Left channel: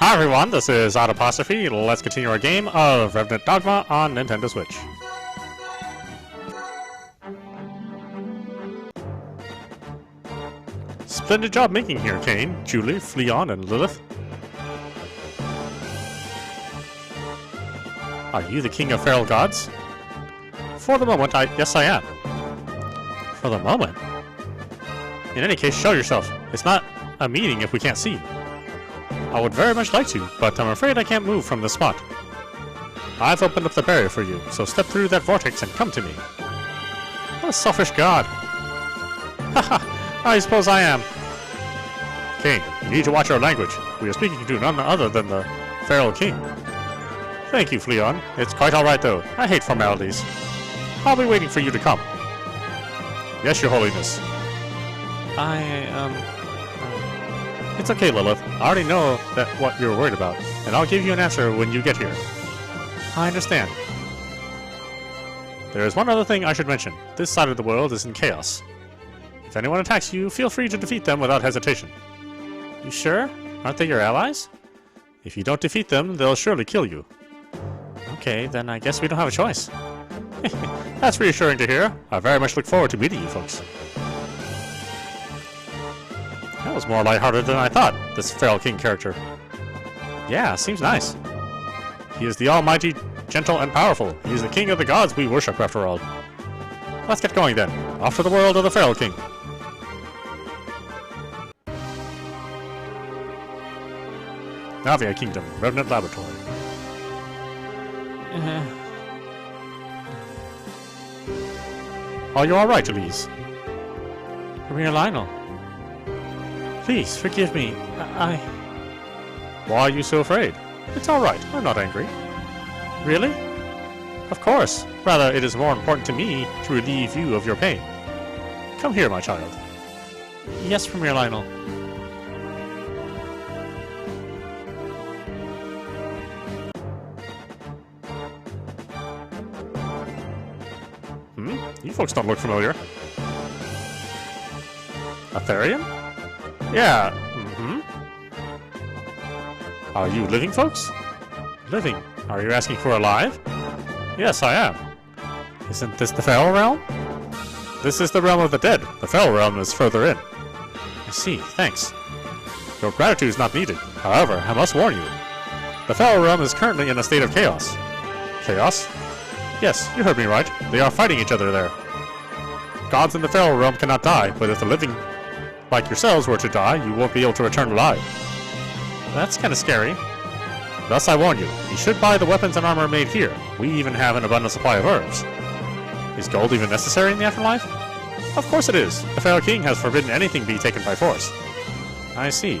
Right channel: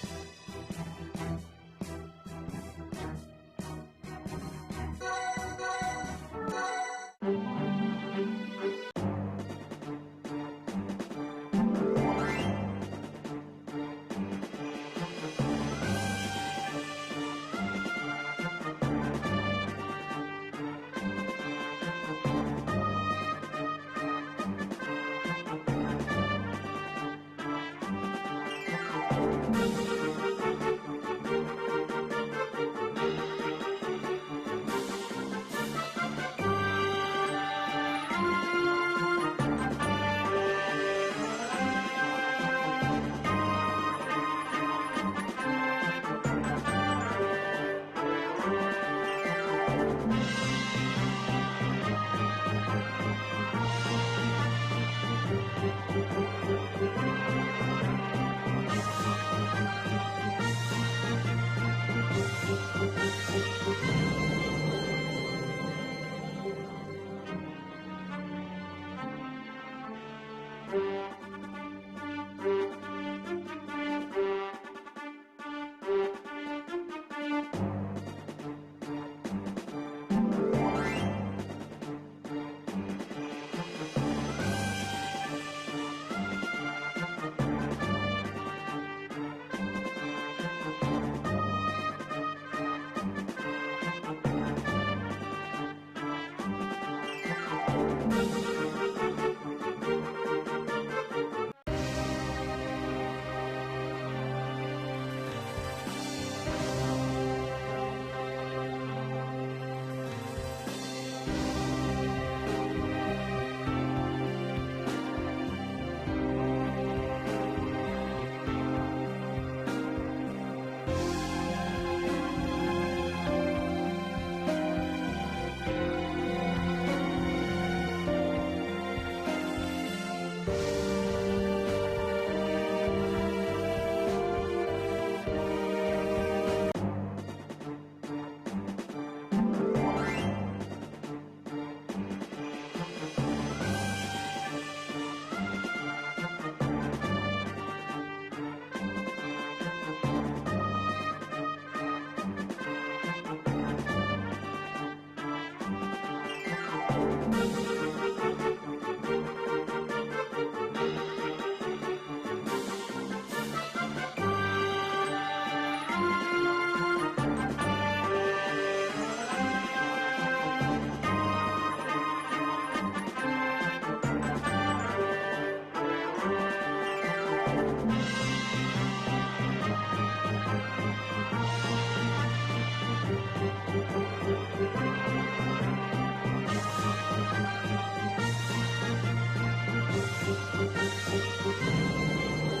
Hi everyone, this is audap. Let's continue our game of Revenant Dogma on Nintendo Switch. Splendid job making here, Caine, Julie, Fleon, and Lilith. Are you the king of feral gods? For the moment, yes I am. For the moment? In any case, show yourself. It's not a meeting if we can't see. I would very much like to, but I'm afraid I can't move from this spot. I've opened up the barrier for you, so step through that vortex and come to me. What a selfish god. Haha, I suppose I am. Caine, you need to watch your language. We are speaking to none other than the feral king. Thank you, Fleon. It's quite alright though. I hate formalities. I'll be waiting for you to come. Yes, your holiness. It's okay, Lilith. I already know what you're worried about, and I'll give you an answer when you get here. I understand. There is one other thing I should mention. This side of the world is in chaos. If anyone attacks you, feel free to defeat them without hesitation. You sure? Aren't they your allies? If you don't defeat them, they'll surely kill you. Okay, then I guess we don't have a choice. That's reassuring to hear. I very much look forward to meeting you folks. That was more lighthearted than I thought, this feral king character. Yeah, seems nice. He is the almighty, gentle, and powerful. He is the king of the gods we worship, after all. Let's get going then. Off to the world of the feral king. Navia Kingdom, Revenant Laboratory. Are you alright, Elise? Maria Lionel. Please, forgive me. Why are you so afraid? It's alright, I'm not angry. Really? Of course. Rather, it is more important to me to relieve you of your pain. Come here, my child. Yes, Premier Lionel. You folks don't look familiar. A therian? Yeah. Are you living folks? Living? Are you asking for alive? Yes, I am. Isn't this the feral realm? This is the realm of the dead. The feral realm is further in. I see, thanks. Your gratitude is not needed. However, I must warn you. The feral realm is currently in a state of chaos. Chaos? Yes, you heard me right. They are fighting each other there. Gods in the feral realm cannot die, but if the living like yourselves were to die, you won't be able to return alive. That's kind of scary. Thus I warn you, you should buy the weapons and armor made here. We even have an abundant supply of herbs. Is gold even necessary in the afterlife? Of course it is. The feral king has forbidden anything be taken by force. I see.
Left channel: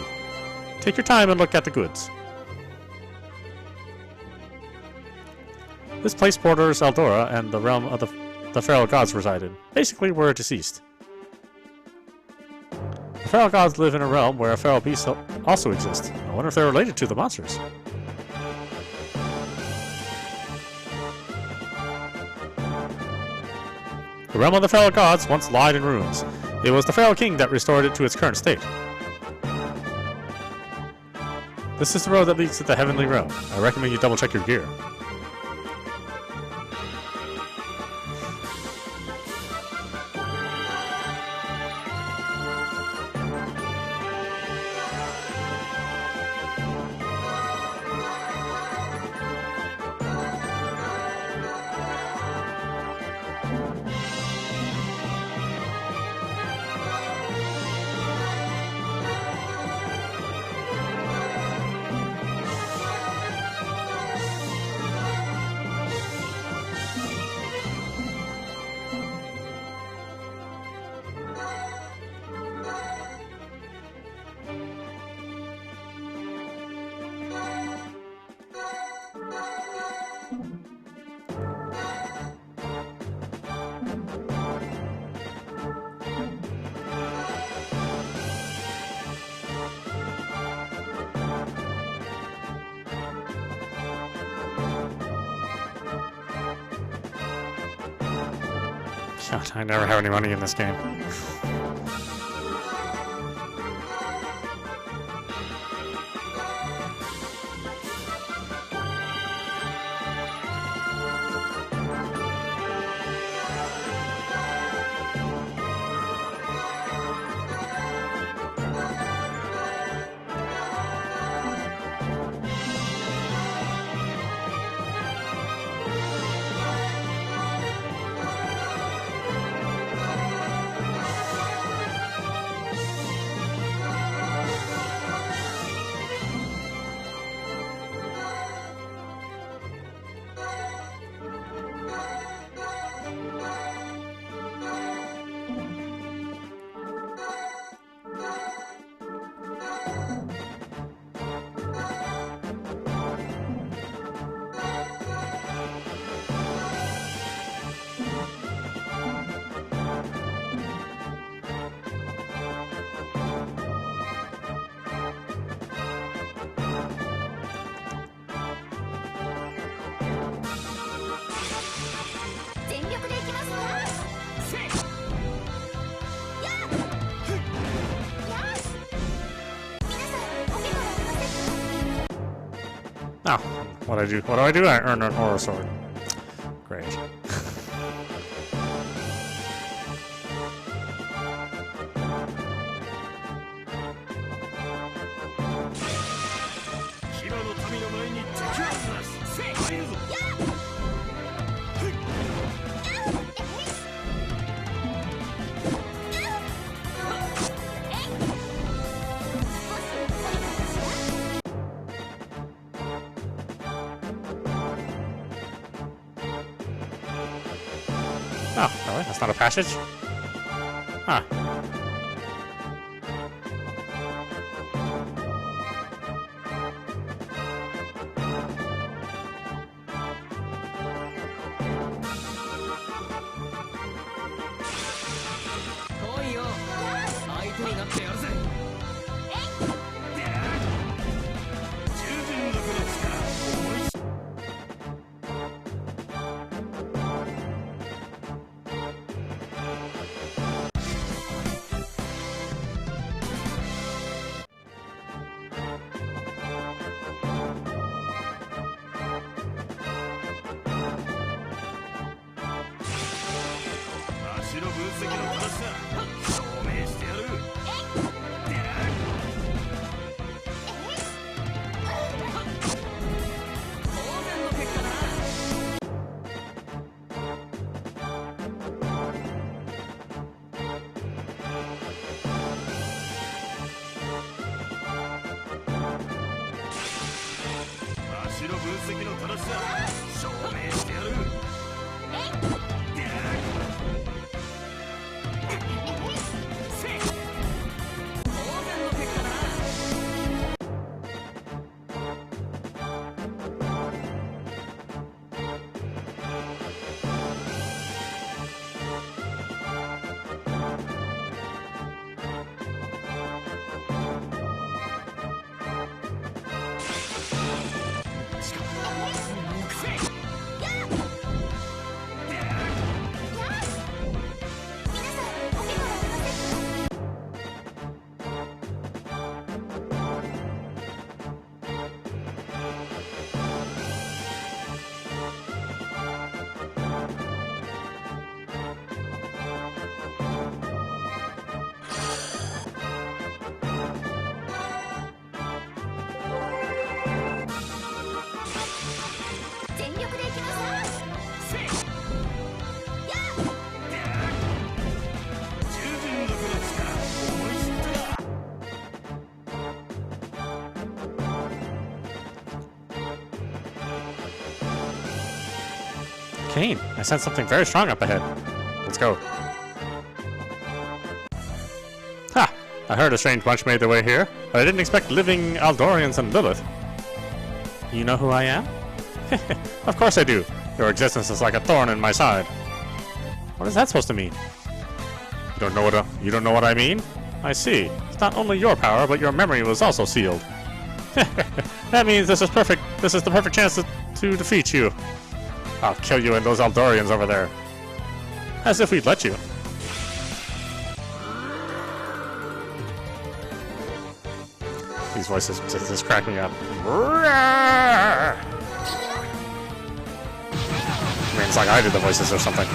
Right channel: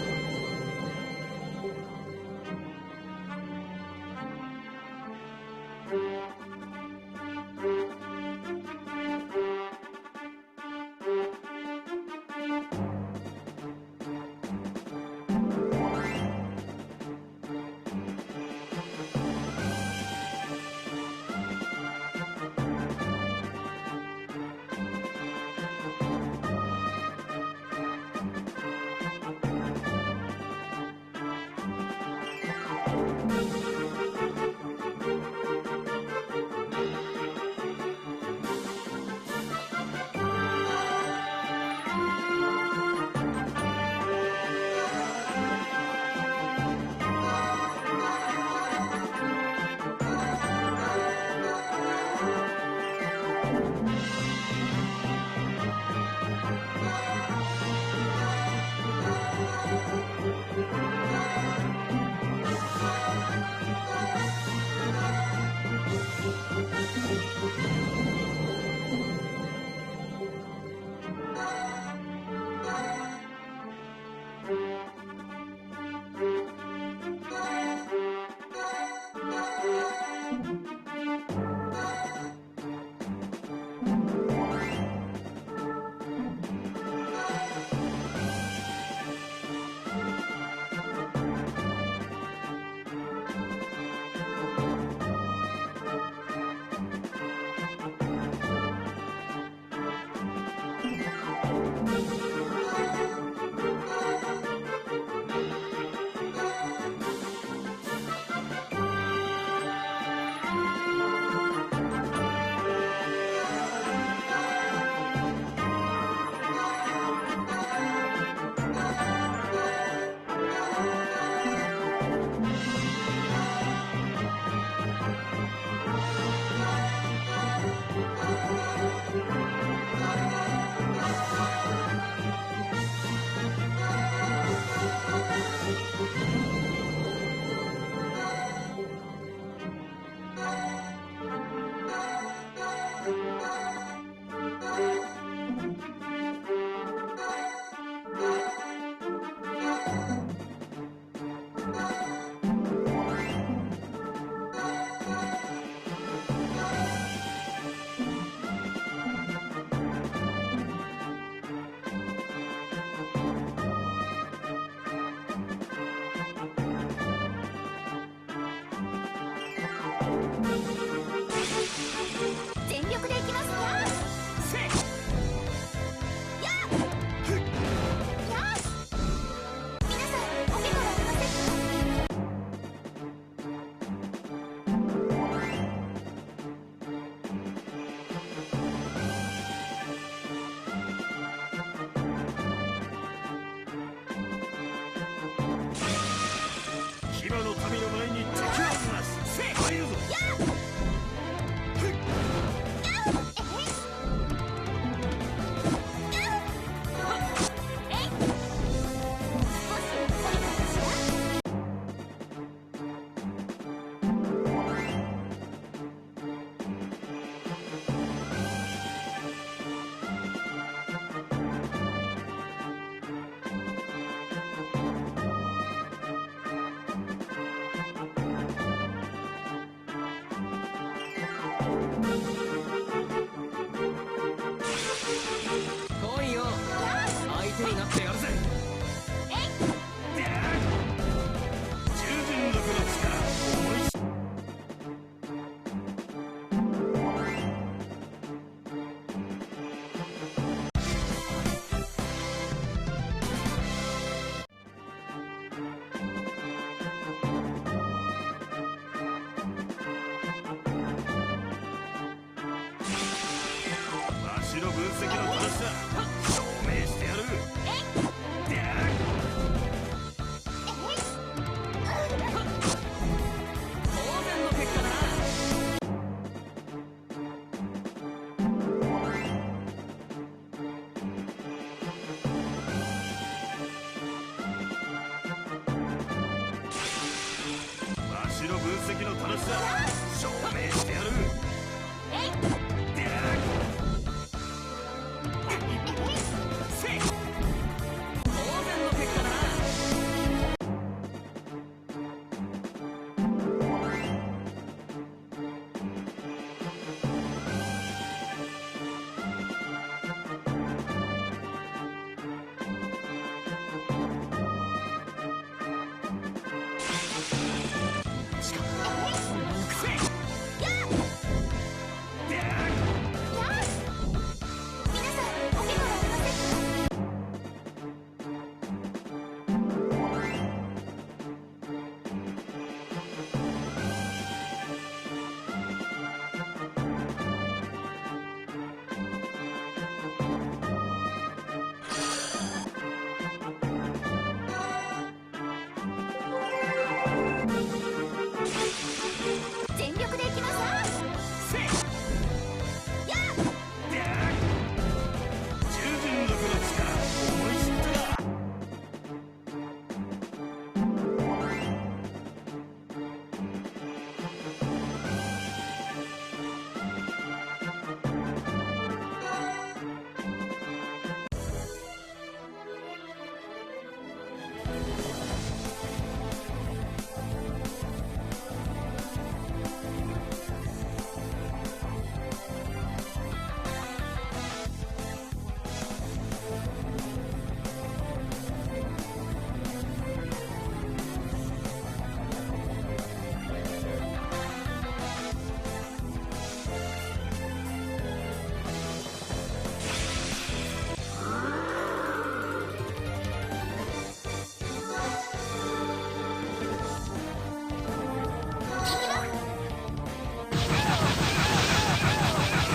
Take your time and look at the goods. This place borders Eldora and the realm of the feral gods resided. Basically, we're deceased. The feral gods live in a realm where feral beasts also exist. I wonder if they're related to the monsters. The realm of the feral gods once lied in ruins. It was the feral king that restored it to its current state. This is the road that leads to the heavenly realm. I recommend you double check your gear. God, I never have any money in this game. Oh, what do I do? What do I do? I earn an aura sword. Great. Oh, really? That's not a passage? Huh. Caine, I sense something very strong up ahead. Let's go. Ha! I heard a strange bunch made their way here, but I didn't expect living Aldorians and Lilith. You know who I am? Of course I do. Your existence is like a thorn in my side. What is that supposed to mean? You don't know what I mean? I see. It's not only your power, but your memory was also sealed. That means this is perfect. This is the perfect chance to defeat you. I'll kill you and those Aldorians over there. As if we'd let you. These voices just cracking up. It's like I did the voices or something.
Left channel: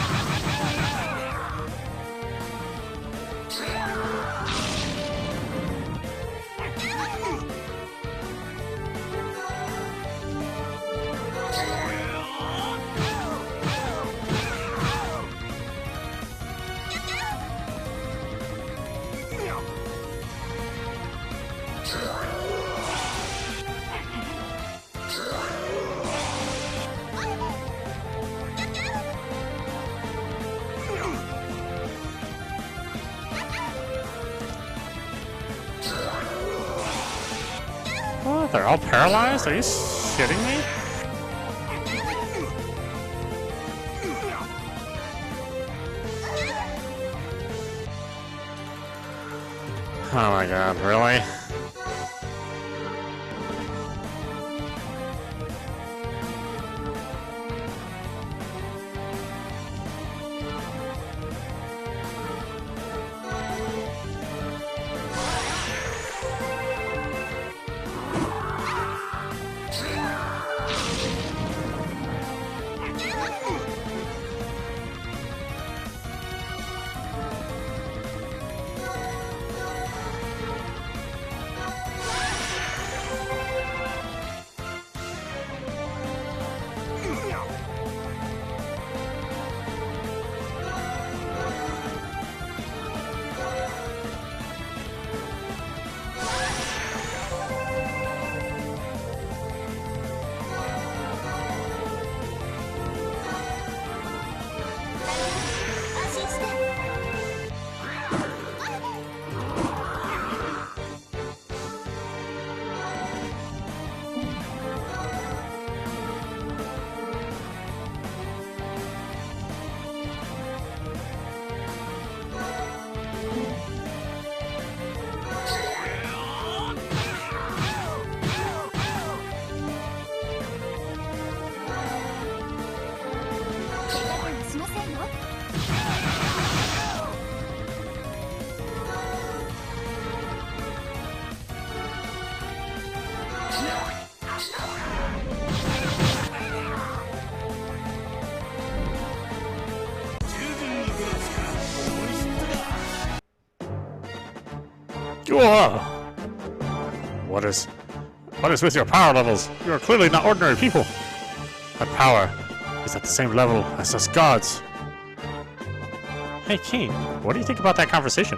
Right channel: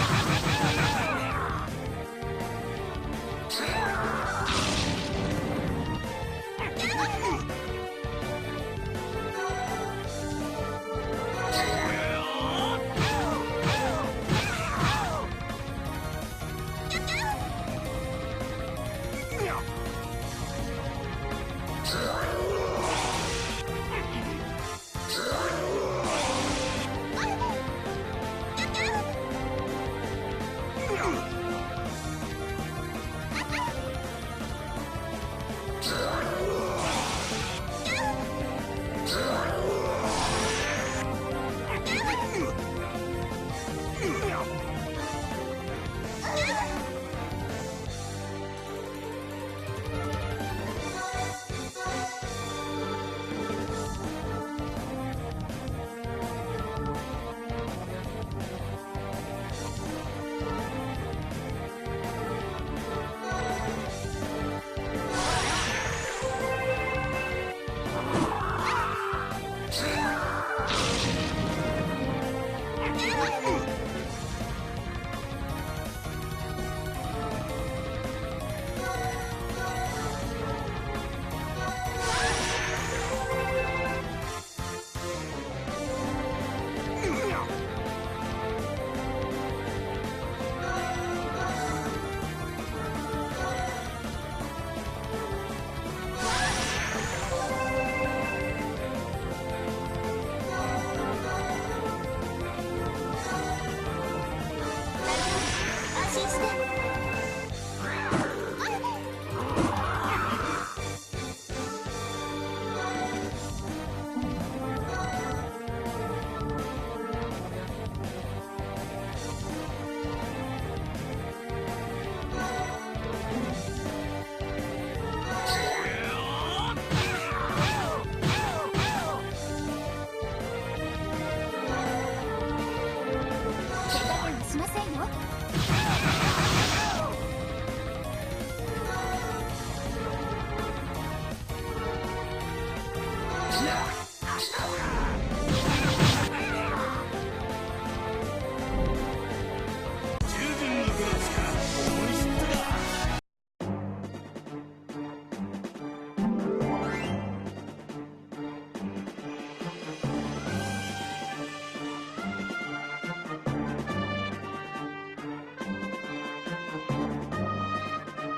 They're all paralyzed? Are you kidding me? Oh my god, really? What is with your power levels? You are clearly not ordinary people. That power is at the same level as us gods. Hey, Caine, what do you think about that conversation?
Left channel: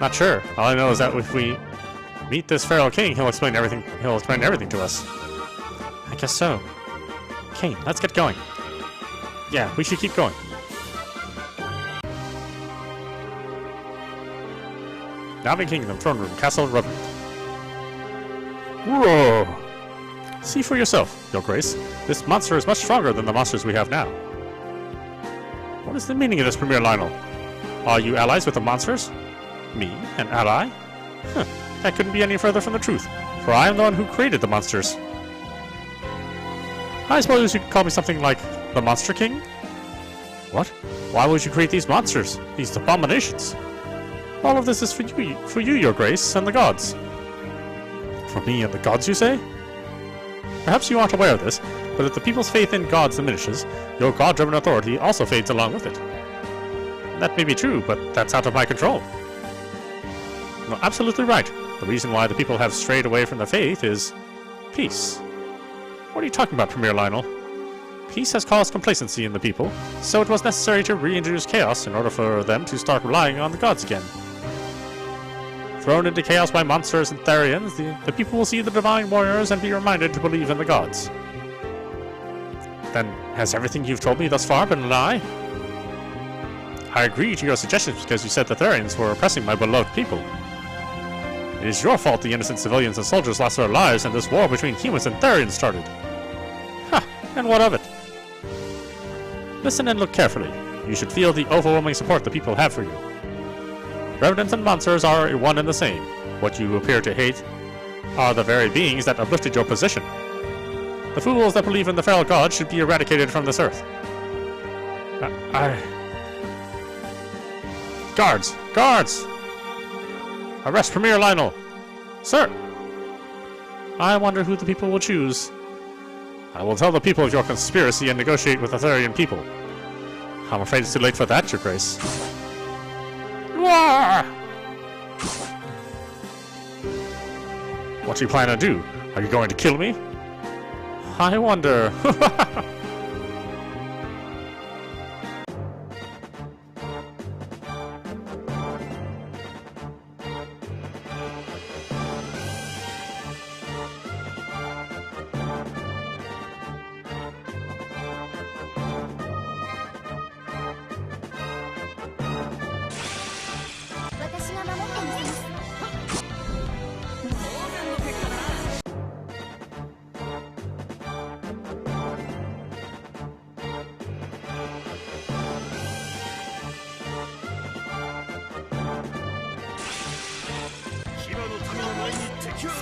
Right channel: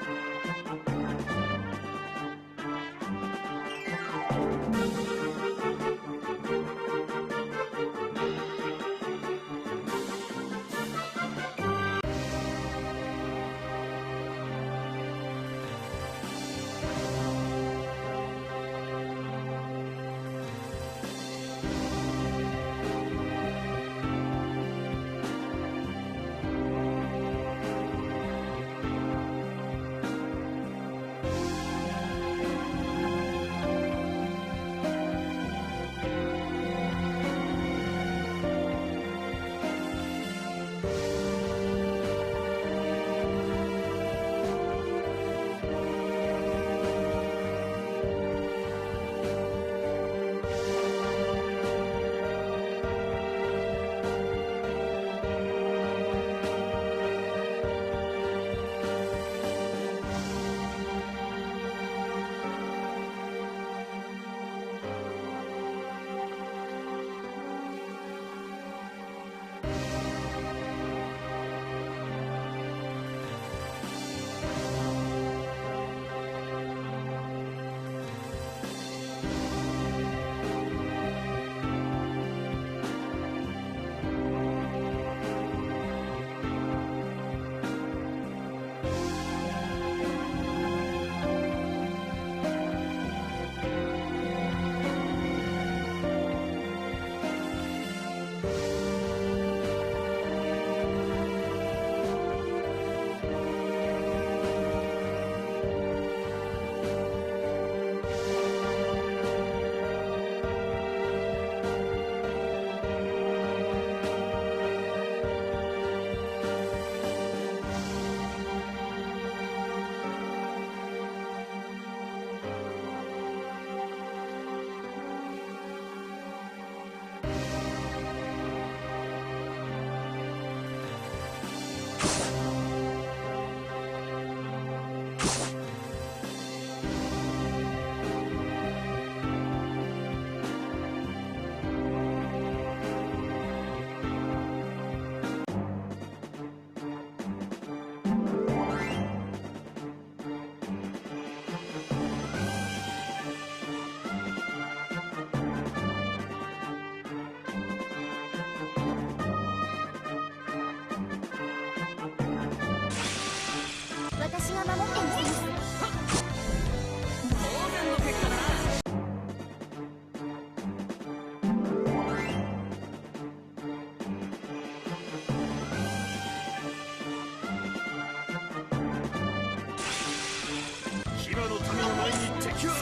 Not sure. All I know is that if we meet this feral king, he'll explain everything. He'll explain everything to us. I guess so. Caine, let's get going. Yeah, we should keep going. Navin Kingdom, Throne Room, Castle Revenant. Whoa! See for yourself, Your Grace. This monster is much stronger than the monsters we have now. What is the meaning of this, Premier Lionel? Are you allies with the monsters? Me, an ally? Huh, that couldn't be any further from the truth, for I am the one who created the monsters. I suppose you could call me something like the Monster King? What? Why would you create these monsters? These abominations? All of this is for you, Your Grace, and the gods. For me and the gods, you say? Perhaps you aren't aware of this, but if the people's faith in gods diminishes, your god-driven authority also fades along with it. That may be true, but that's out of my control. No, absolutely right. The reason why the people have strayed away from the faith is peace. What are you talking about, Premier Lionel? Peace has caused complacency in the people, so it was necessary to reintroduce chaos in order for them to start relying on the gods again. Thrown into chaos by monsters and therians, the people will see the divine warriors and be reminded to believe in the gods. Then, has everything you've told me thus far been a lie? I agree to your suggestions because you said the therians were oppressing my beloved people. It is your fault the innocent civilians and soldiers lost their lives and this war between humans and therians started. Ha! And what of it? Listen and look carefully. You should feel the overwhelming support the people have for you. Revenants and monsters are one and the same. What you appear to hate are the very beings that uplifted your position. The fools that believe in the feral god should be eradicated from this earth. Guards! Guards! Arrest Premier Lionel! Sir! I wonder who the people will choose. I will tell the people of your conspiracy and negotiate with the Therian people. I'm afraid it's too late for that, Your Grace. What do you plan to do? Are you going to kill me? I wonder. 私が守ってみせます。当然の結果だ。騎馬の民の前に敵は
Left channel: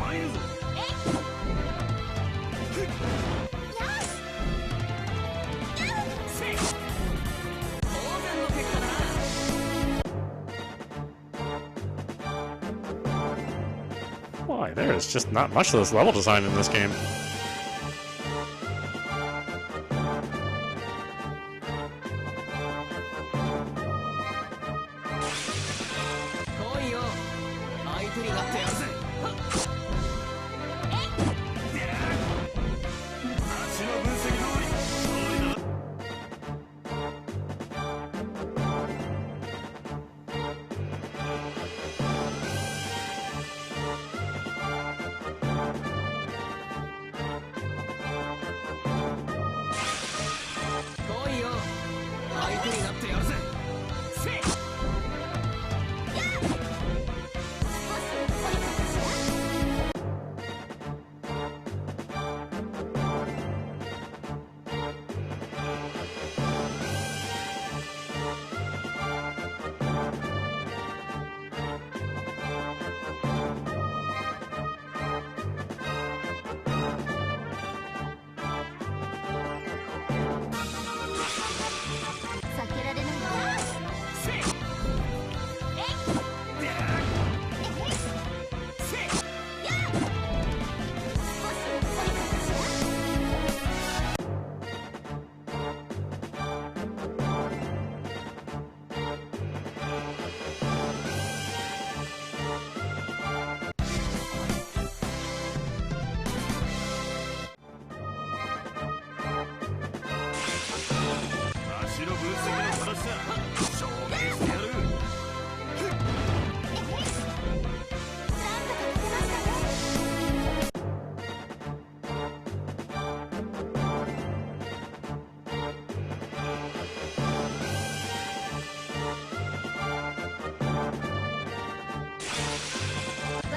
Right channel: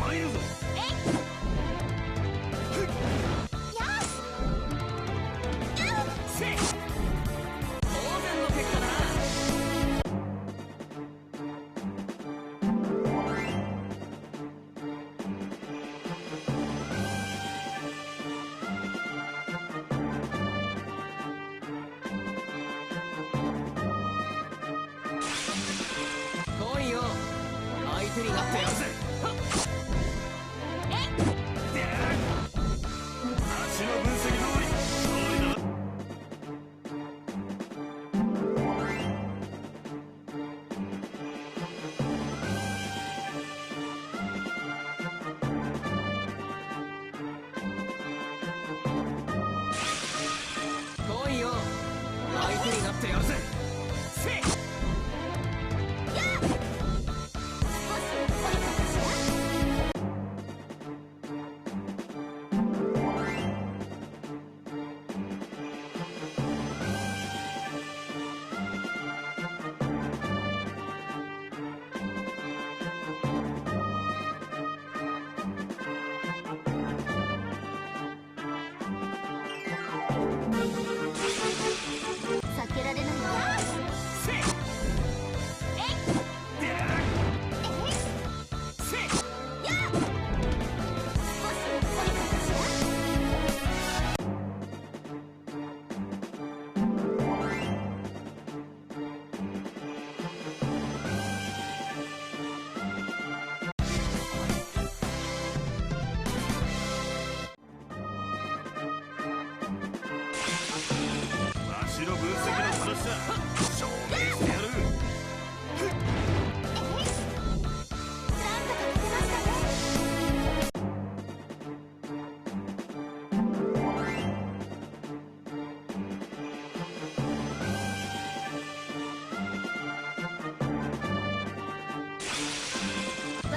参るぞ。There's just not much of this level design in this game.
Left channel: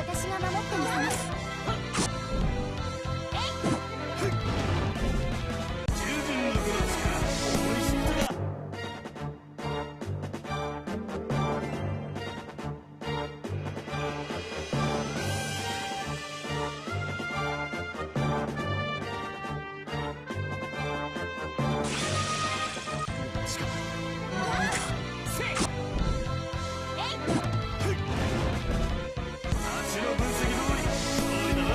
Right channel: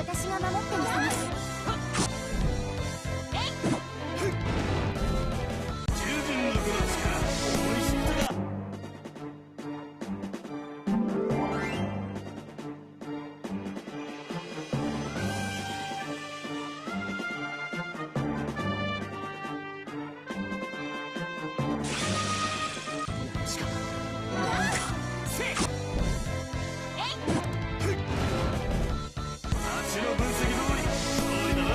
私が守ってみせます。十分のこの力思い知ったか。足の分析通り勝利だな。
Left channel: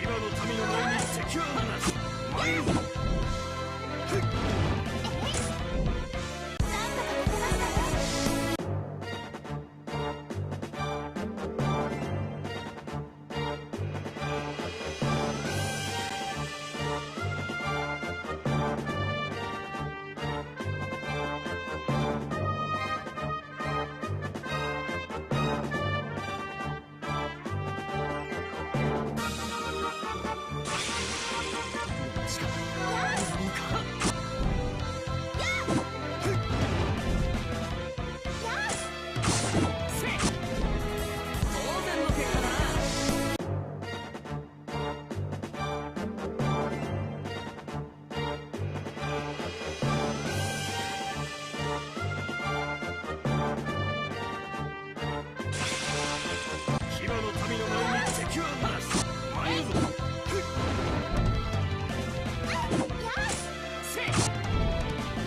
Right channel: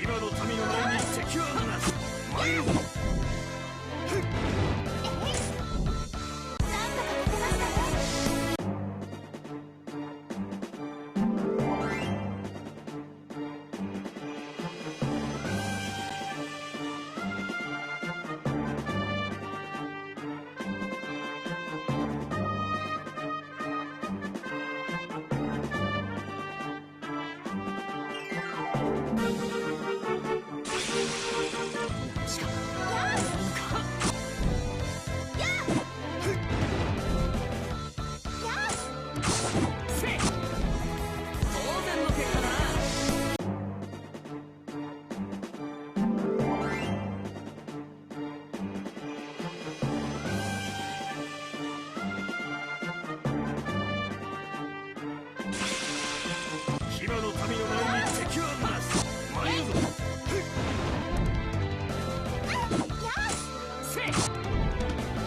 牙の民の前に敵はなし。参るぞ。なんとか勝てましたね。当然の結果だな。牙の民の前に敵はなし。参るぞ。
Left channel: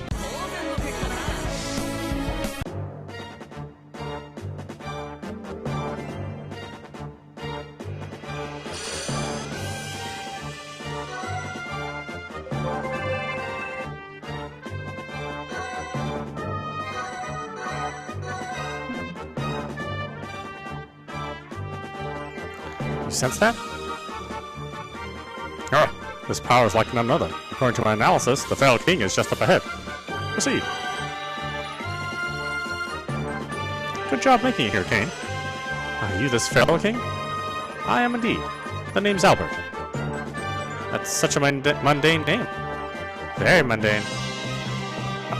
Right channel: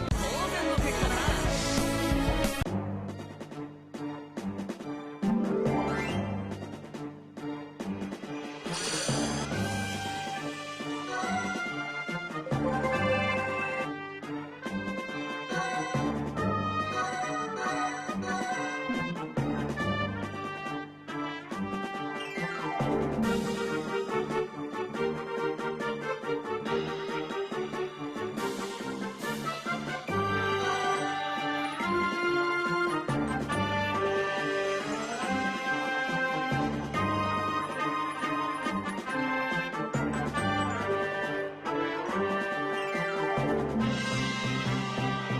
当然の結果だな。You sense that? Oh, this power is like none other. According to my analysis, the Feral King is just up ahead. Proceed. Good job making it here, Caine. Are you this Feral King? I am indeed. The name's Albert. That's such a mundane name. Very mundane.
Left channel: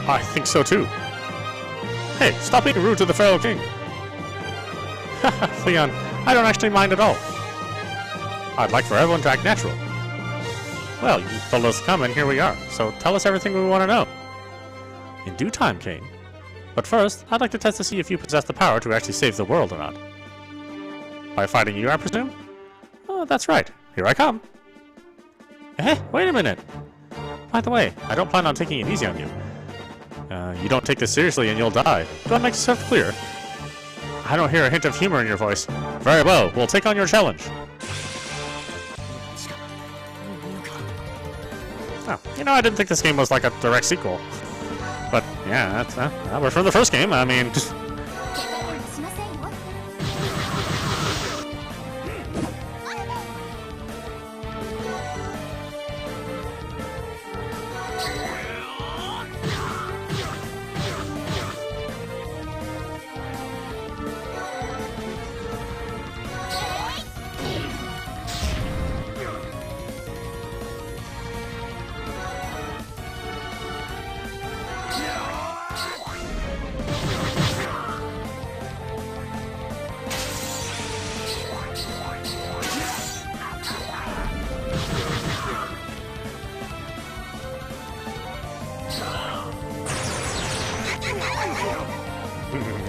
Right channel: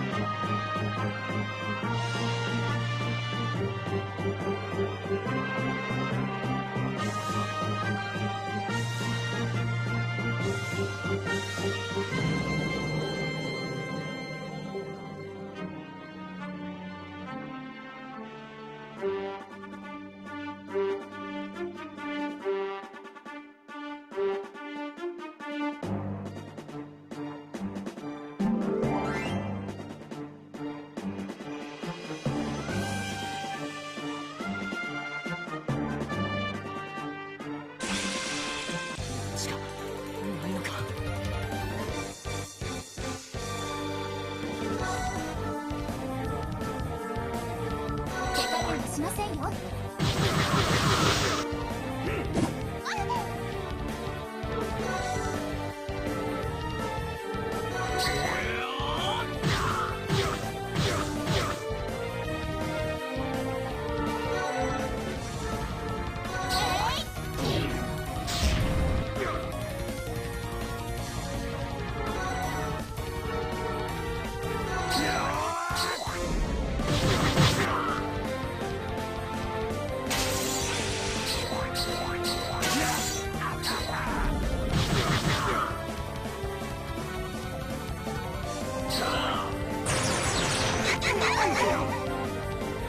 I think so too. Hey, stop being rude to the Feral King. Leon, I don't actually mind at all. I'd like for everyone to act natural. Well, you told us to come and here we are, so tell us everything we want to know. In due time, Caine. But first, I'd like to test to see if you possess the power to actually save the world or not. By fighting you, I presume? Oh, that's right. Here I come. Eh, wait a minute. By the way, I don't plan on taking it easy on you. You don't take this seriously and you'll die. Do I make myself clear? I don't hear a hint of humor in your voice. Very well, we'll take on your challenge. Oh, you know, I didn't think this game was like a direct sequel. But, yeah, that was from the first game. I mean, just... 怪我はしませんよ。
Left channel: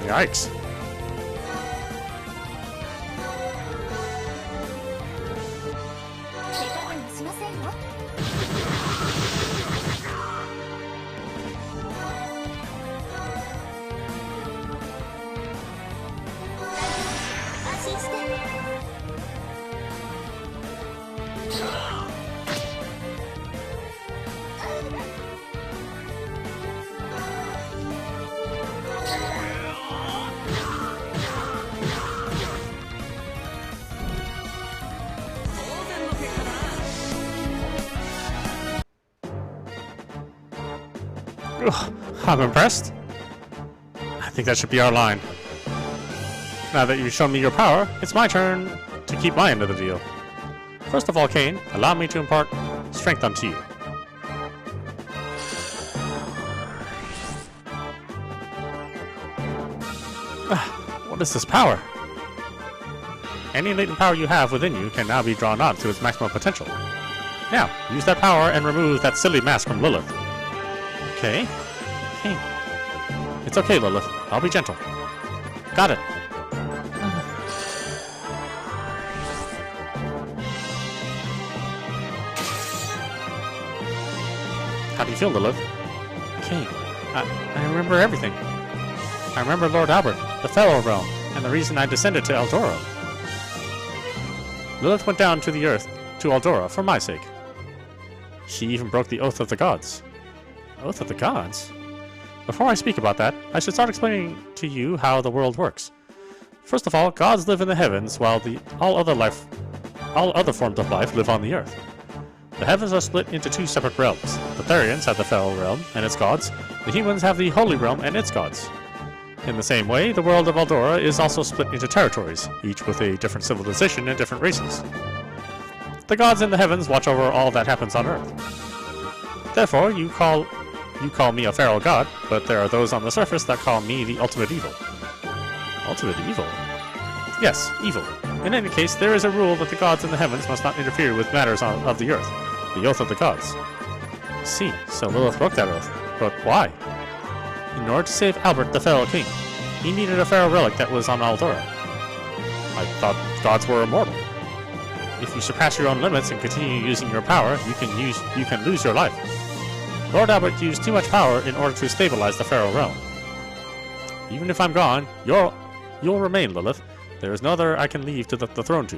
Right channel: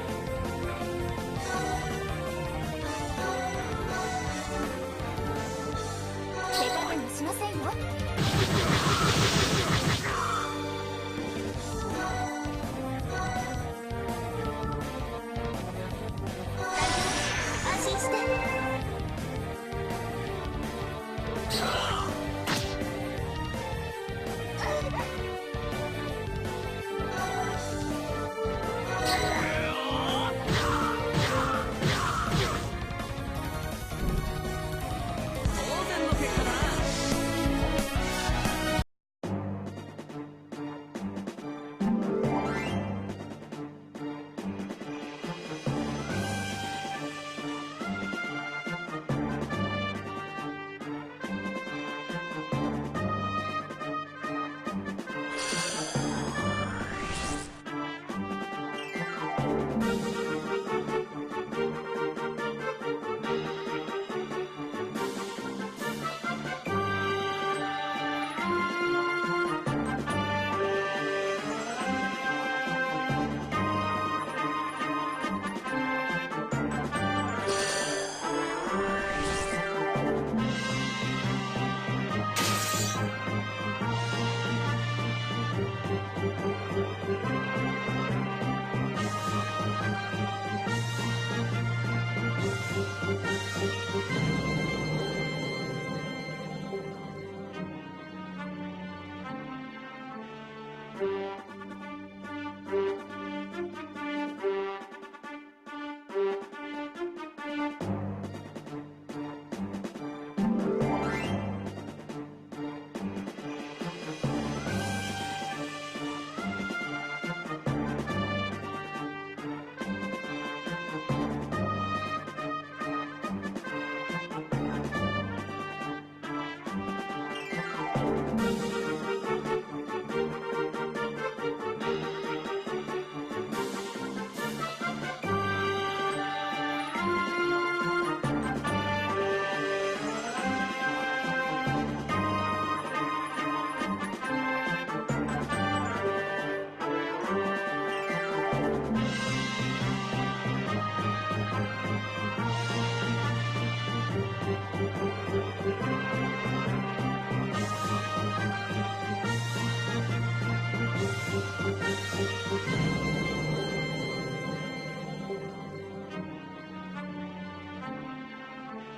Yikes. I'm impressed. I think that should be our line. Now that you've shown me your power, it's my turn to keep my end of the deal. First of all, Caine, allow me to impart strength unto you. What is this power? Any latent power you have within you can now be drawn out to its maximum potential. Now, use that power and remove that silly mask from Lilith. Okay. It's okay, Lilith. I'll be gentle. Got it. How do you feel, Lilith? Caine, I remember everything. I remember Lord Albert, the Pharaoh realm, and the reason I descended to Eldora. Lilith went down to the earth, to Eldora, for my sake. She even broke the Oath of the Gods. Oath of the Gods? Before I speak about that, I should start explaining to you how the world works. First of all, gods live in the heavens, while all other forms of life live on the earth. The heavens are split into two separate realms. The therians have the Pharaoh realm and its gods. The humans have the Holy Realm and its gods. In the same way, the world of Eldora is also split into territories, each with a different civilization and different races. The gods in the heavens watch over all that happens on Earth. Therefore, you call me a feral god, but there are those on the surface that call me the ultimate evil. Ultimate evil? Yes, evil. In any case, there is a rule that the gods in the heavens must not interfere with matters of the earth, the Oath of the Gods. I see, so Lilith broke that oath. But why? In order to save Albert, the Feral King, he needed a feral relic that was on Eldora. I thought gods were immortal. If you surpass your own limits and continue using your power, you can lose your life. Lord Albert used too much power in order to stabilize the Feral realm. Even if I'm gone, you'll remain, Lilith. There is no other I can leave to the throne to.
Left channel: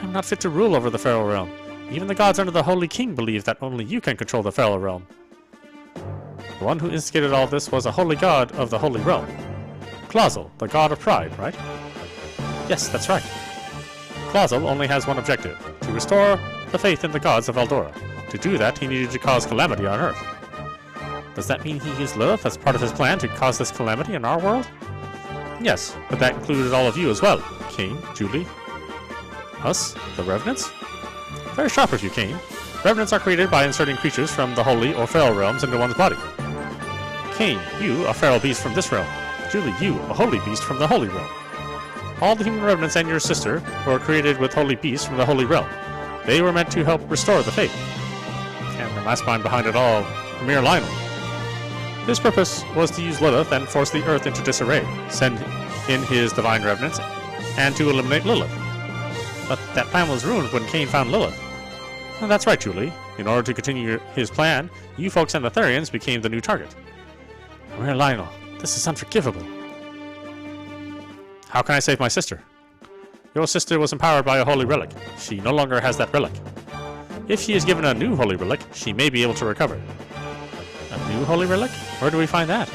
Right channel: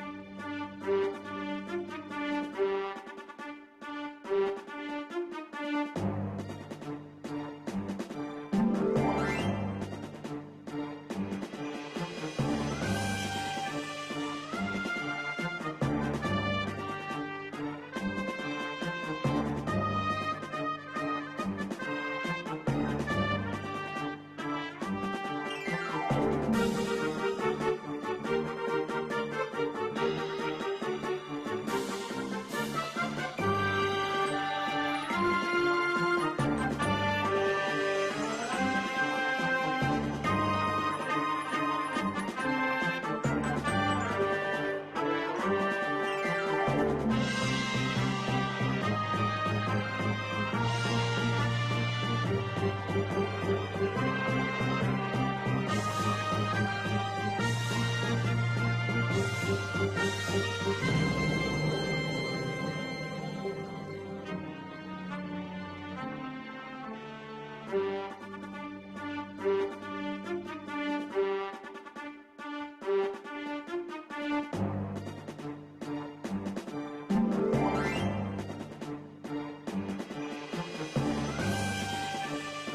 I'm not fit to rule over the Feral realm. Even the gods under the Holy King believe that only you can control the Feral realm. The one who instigated all this was a holy god of the Holy Realm. Clausel, the god of pride, right? Yes, that's right. Clausel only has one objective, to restore the faith in the gods of Eldora. To do that, he needed to cause calamity on Earth. Does that mean he used Lilith as part of his plan to cause this calamity in our world? Yes, but that included all of you as well. Caine, Julie, us, the Revenants? Very sharp of you, Caine. Revenants are created by inserting creatures from the Holy or Feral realms into one's body. Caine, you, a feral beast from this realm. Julie, you, a holy beast from the Holy realm. All the human Revenants and your sister were created with holy beasts from the Holy realm. They were meant to help restore the faith. And the mastermind behind it all, mere Lionel. His purpose was to use Lilith and force the earth into disarray, send in his divine Revenants, and to eliminate Lilith. But that plan was ruined when Caine found Lilith. Well, that's right, Julie. In order to continue his plan, you folks and the Therians became the new target. Mere Lionel, this is unforgivable. How can I save my sister? Your sister was empowered by a holy relic. She no longer has that relic. If she is given a new holy relic, she may be able to recover. A new holy relic? Where do we find that?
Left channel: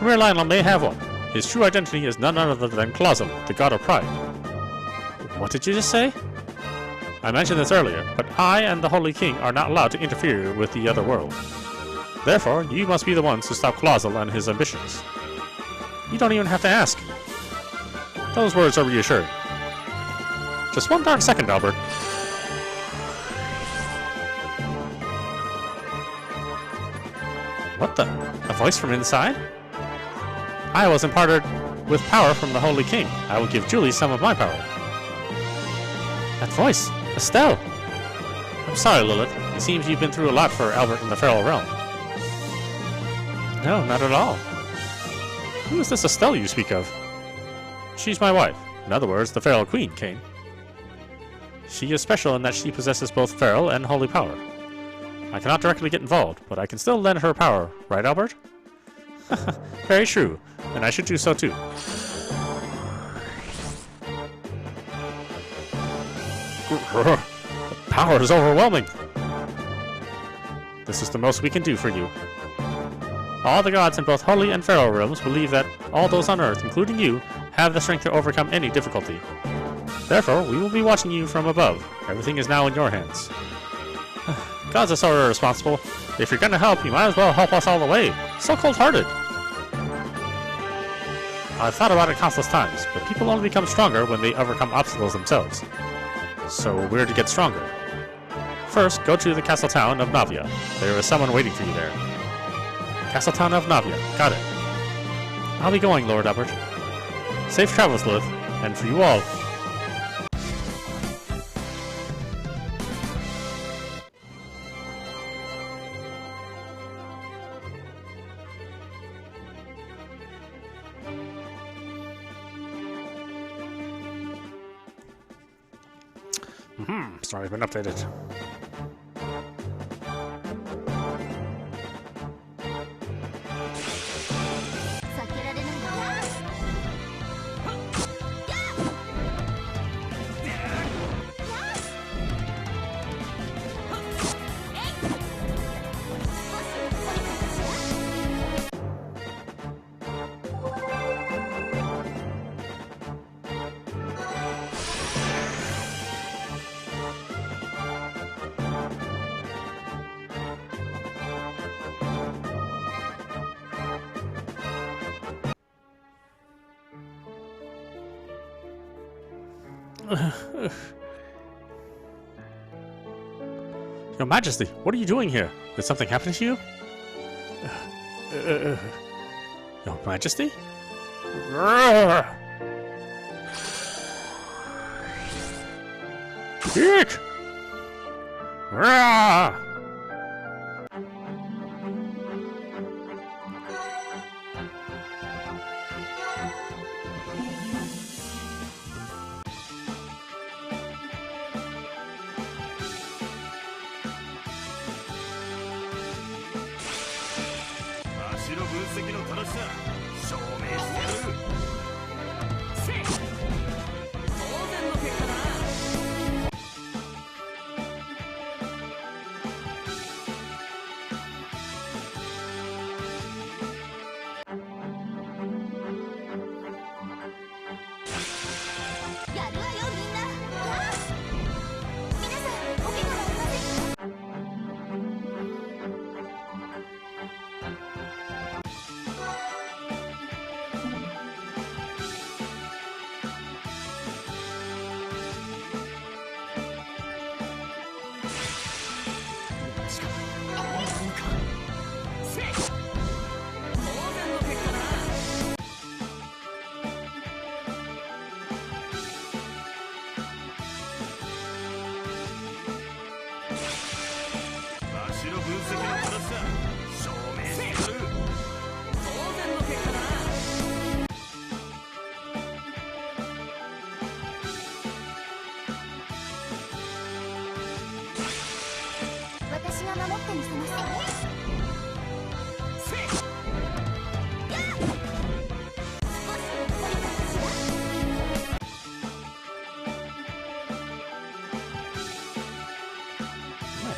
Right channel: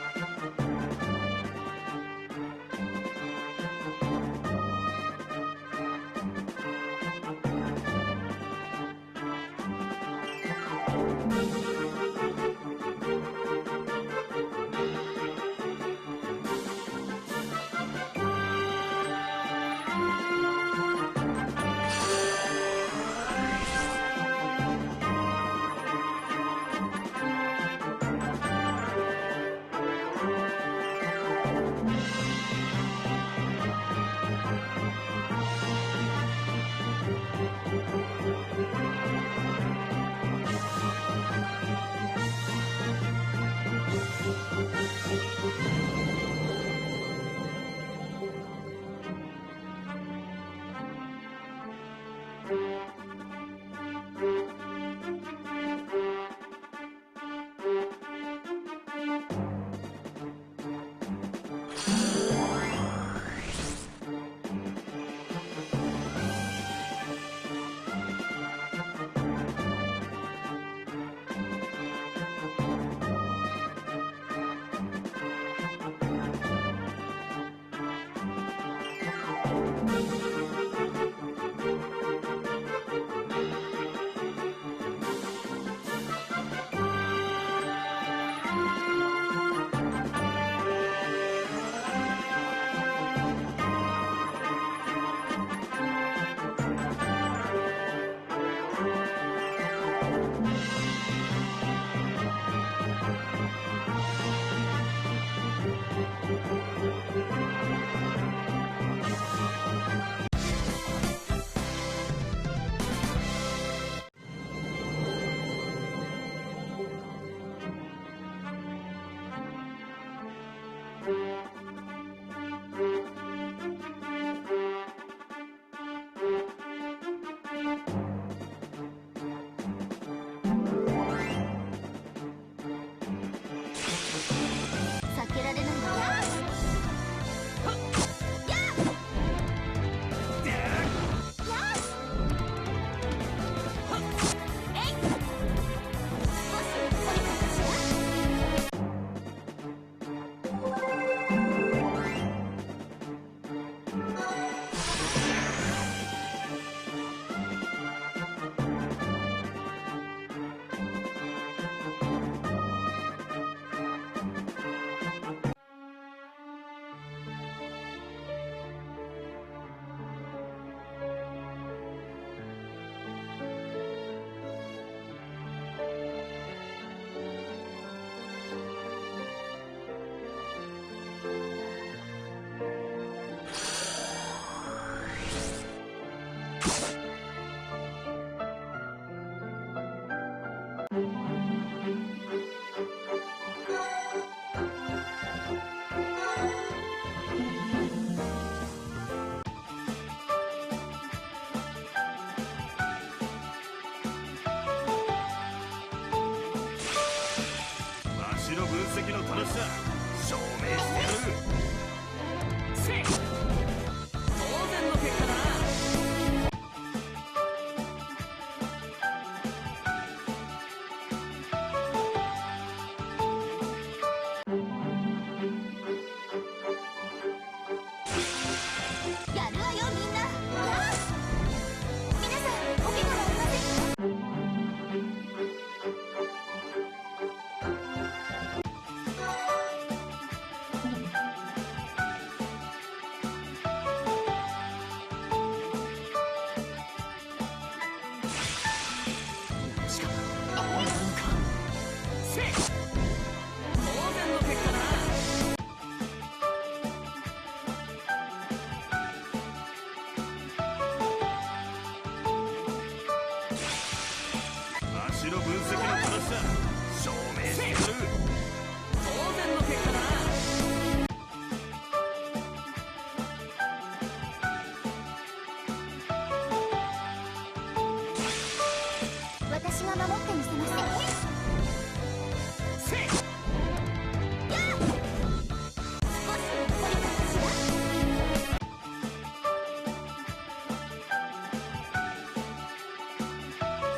Mere Lionel may have one. His true identity is none other than Clausel, the god of pride. What did you just say? I mentioned this earlier, but I and the Holy King are not allowed to interfere with the other world. Therefore, you must be the ones to stop Clausel and his ambitions. You don't even have to ask. Those words are reassured. Just one dark second, Albert. What the? A voice from inside? I was imparted with power from the Holy King. I will give Julie some of my power. That voice! Estelle! I'm sorry, Lilith. It seems you've been through a lot for Albert in the Feral realm. No, not at all. Who is this Estelle you speak of? She's my wife. In other words, the Feral Queen, Caine. She is special in that she possesses both feral and holy power. I cannot directly get involved, but I can still lend her power, right, Albert? Very true, and I should do so too. The power is overwhelming. This is the most we can do for you. All the gods in both holy and feral realms believe that all those on Earth, including you, have the strength to overcome any difficulty. Therefore, we will be watching you from above. Everything is now in your hands. Gods are so irresponsible. If you're gonna help, you might as well help us all the way. So cold-hearted. I've thought about it countless times, but people only become stronger when they overcome obstacles themselves. So we're to get stronger. First, go to the castle town of Navia. There is someone waiting for you there. Castle town of Navia. Got it. I'll be going, Lord Albert. Safe travels, Lilith, and for you all. It's not even updated. Your Majesty, what are you doing here? Did something happen to you? Your Majesty? Eek!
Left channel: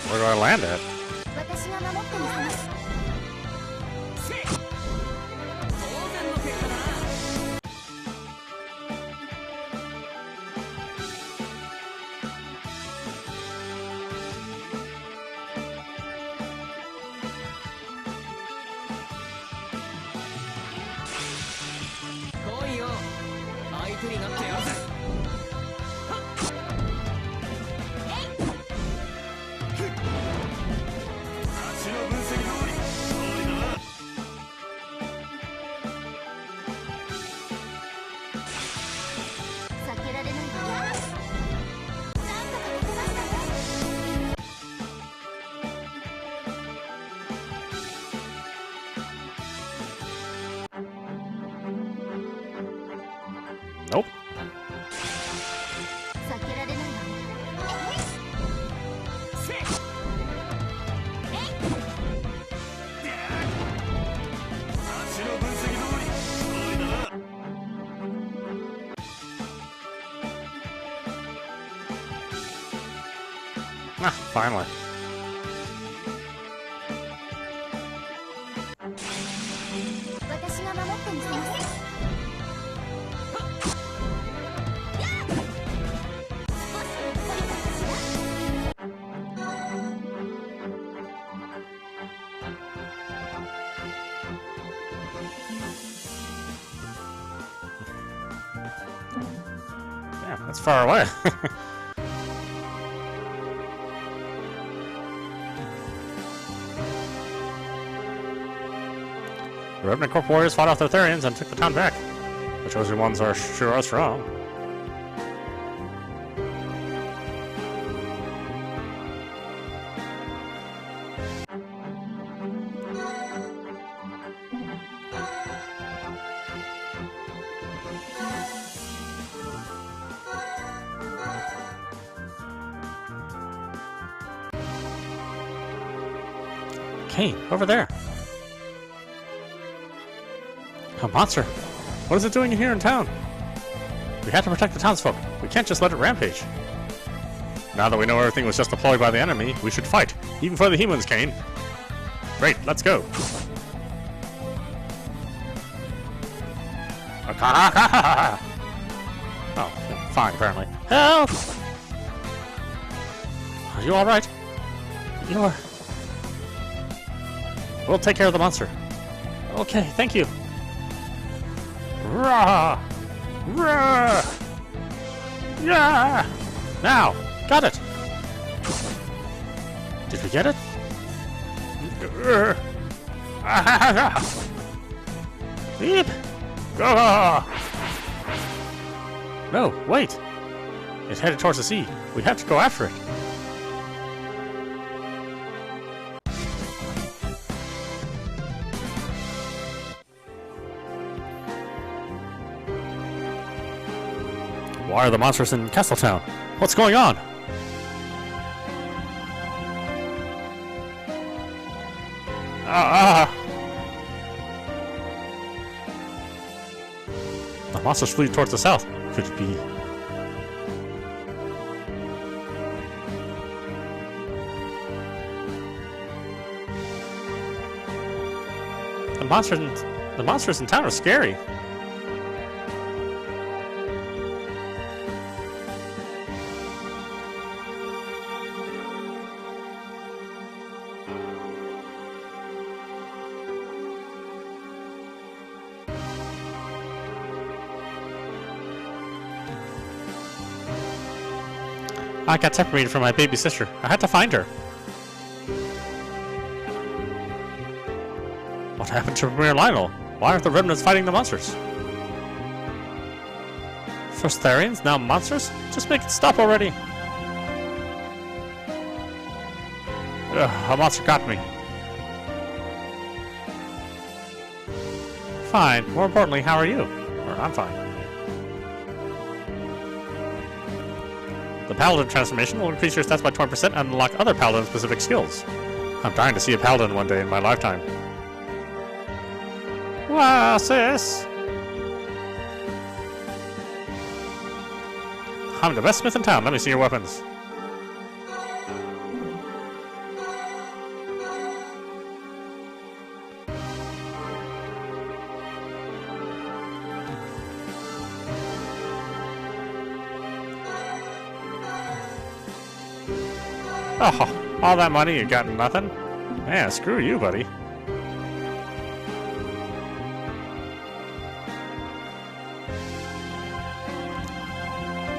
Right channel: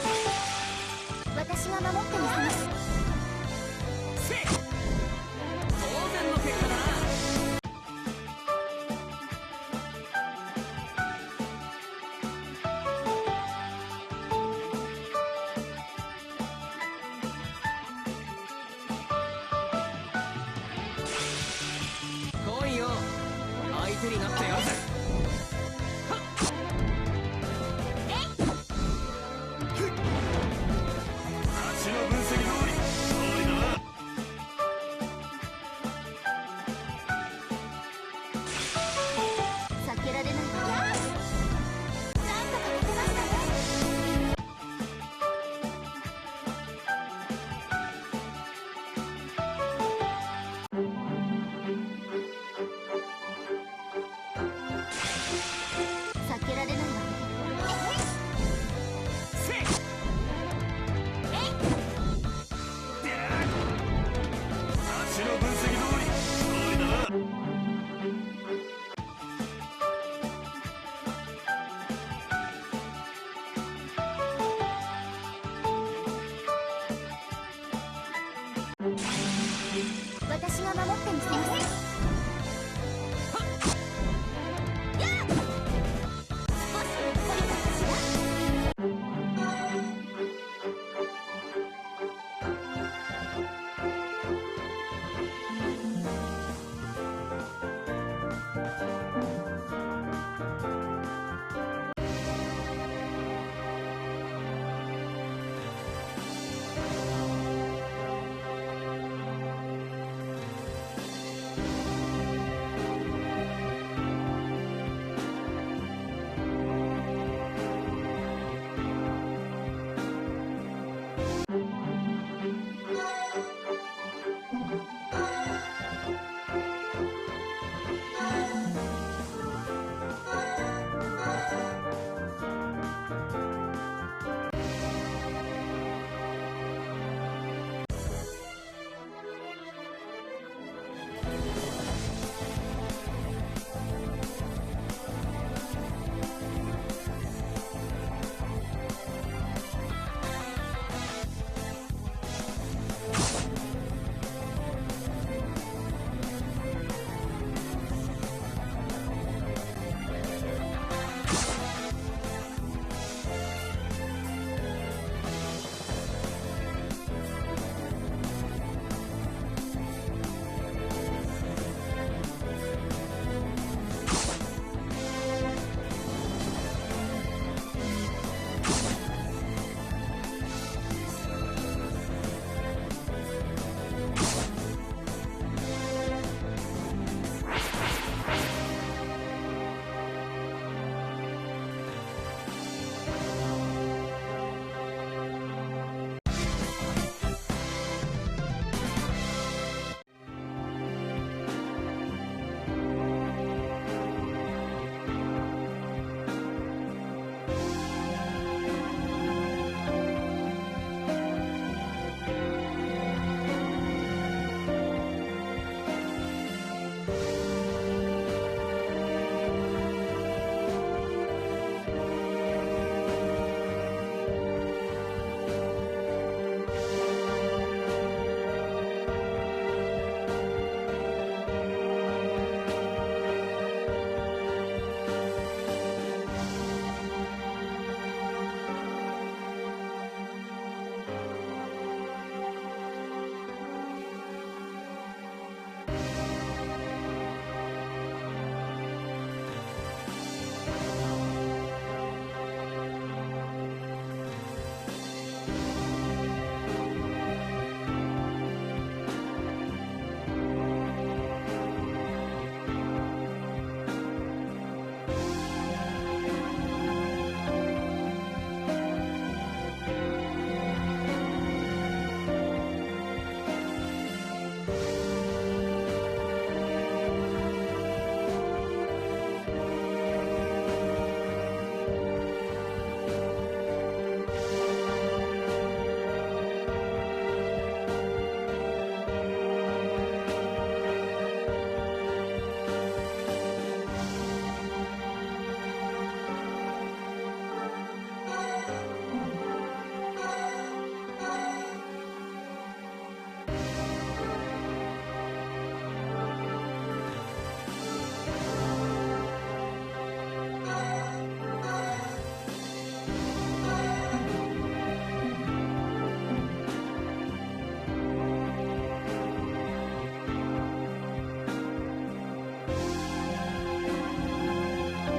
Where do I land at? Nope. Ah, finally. far away. The Revenant Corp warriors fought off the Therians and took the town back. The chosen ones are sure strong. Caine, over there. A monster. What is it doing here in town? We have to protect the townsfolk. We can't just let it rampage. Now that we know everything was just deployed by the enemy, we should fight. Even for the humans, Caine. Great, let's go. Oh, fine, apparently. Help! Are you alright? You are... We'll take care of the monster. Okay, thank you. Rah! Rah! Yeah! Now! Got it! Did we get it? Beep! No, wait! It's headed towards the sea. We have to go after it. Why are the monsters in Castletown? What's going on? The monsters flew towards the south. Could it be... The monsters in town are scary. I got separated from my baby sister. I had to find her. What happened to Premier Lionel? Why aren't the remnants fighting the monsters? First therians, now monsters? Just make it stop already. Ugh, a monster got me. Fine. More importantly, how are you? Or, I'm fine. The Paladin transformation will increase your stats by 20% and unlock other Paladin-specific skills. I'm dying to see a Paladin one day in my lifetime. Wow, sis! I'm the best smith in town. Let me see your weapons. Oh, all that money you got nothing? Yeah, screw you, buddy.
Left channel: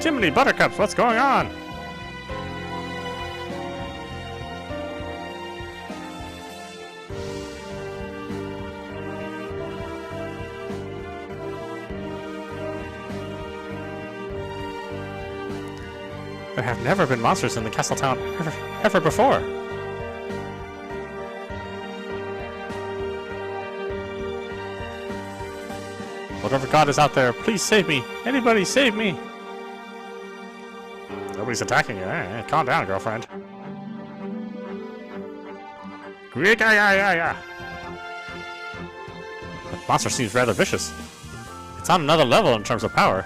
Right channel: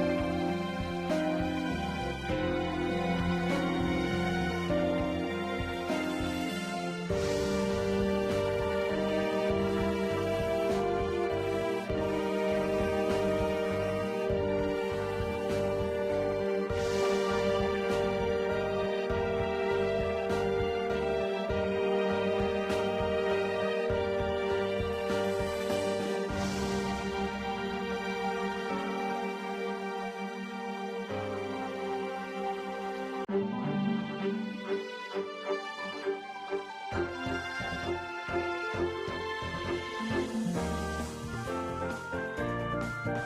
Jiminy Buttercups, what's going on? There have never been monsters in the Castletown ever before. Whatever god is out there, please save me. Anybody save me. Nobody's attacking you. Hey, calm down, girlfriend. The monster seems rather vicious. It's on another level in terms of power.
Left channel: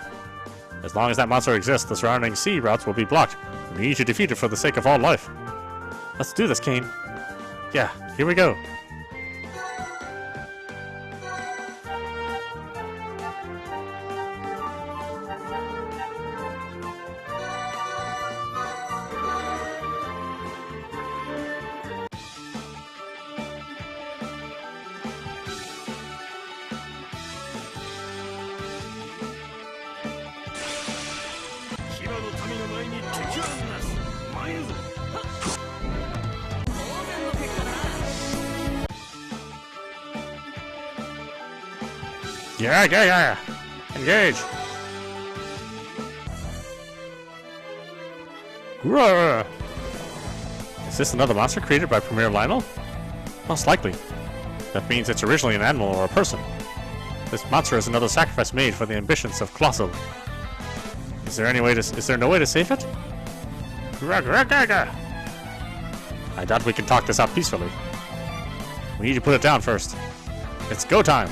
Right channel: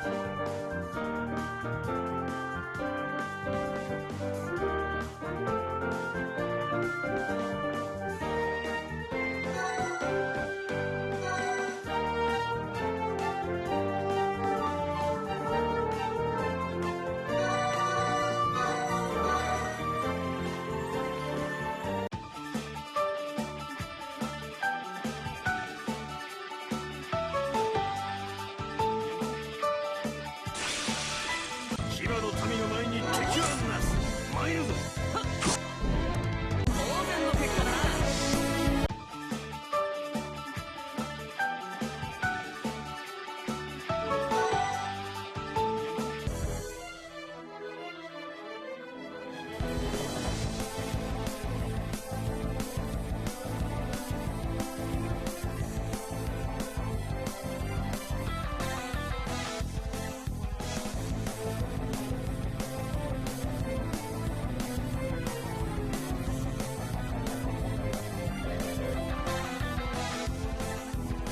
As long as that monster exists, the surrounding sea routes will be blocked. We need to defeat it for the sake of all life. Let's do this, Caine. Yeah, here we go. 民の前に敵はなす。参るぞ。当然の結果だな。Yeah. Engage. Roar. Is this another monster created by Premier Lionel? Most likely. That means it's originally an animal or a person. This monster is another sacrifice made for the ambitions of Colossal. Is there no way to save it? I doubt we can talk this out peacefully. We need to put it down first. It's go time!